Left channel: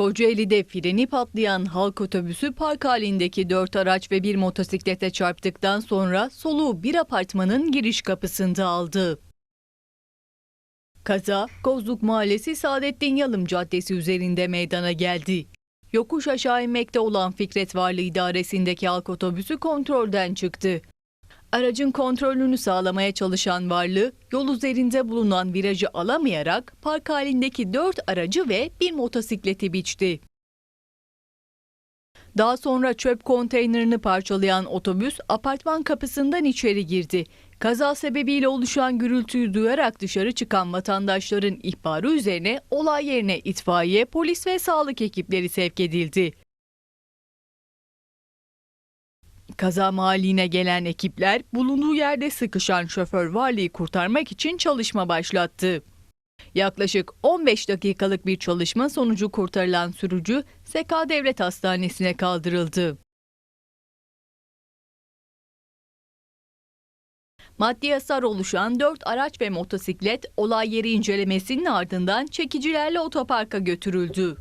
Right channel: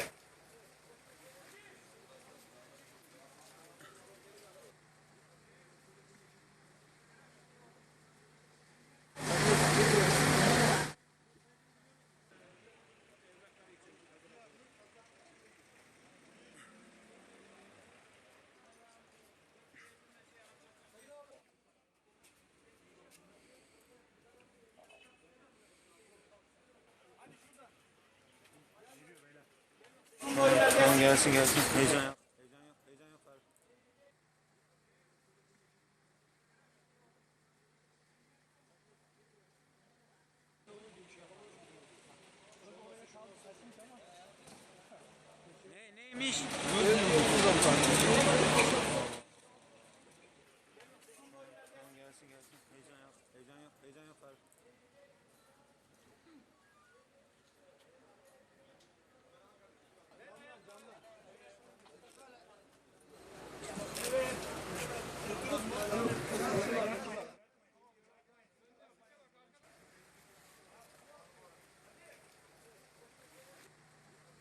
Kocaeli'de freni patlayan halk otobüsü park halindeki dört araç ve bir motosiklete çarptıktan sonra soluğu bir apartmanın giriş kapısında aldı. Kaza Kozluk Mahallesi Saadettin Yalım Caddesi üzerinde meydana geldi. Yokuş aşağı inmekte olan Fikret Varlı idaresindeki halk otobüsü kontrolden çıktı. Aracın kontrolünü sağlamaya çalışan Varlı, yol üzerinde bulunan virajı alamayarak park halindeki dört aracı ve bir motosikleti biçti. Gelsin gelsin. Daha sonra çöp konteynerini parçalayan otobüs apartman kapısından içeri girdi. Kaza sebebiyle oluşan gürültüyü duyarak dışarı çıkan vatandaşların ihbarı üzerine olay yerine itfaiye, polis ve sağlık ekipleri sevk edildi. Kaza mahalline gelen ekipler bulunduğu yerde sıkışan şoför Varlı'yı kurtarmak için çalışma başlattı. Yaklaşık 15 dakikalık bir çalışma sonucu kurtarılan sürücü Seka Devlet Hastanesi'ne kaldırıldı. Maddi hasar oluşan 4 araç ve motosiklet olay yeri incelemesinin ardından çekicilerle otoparka götürüldü.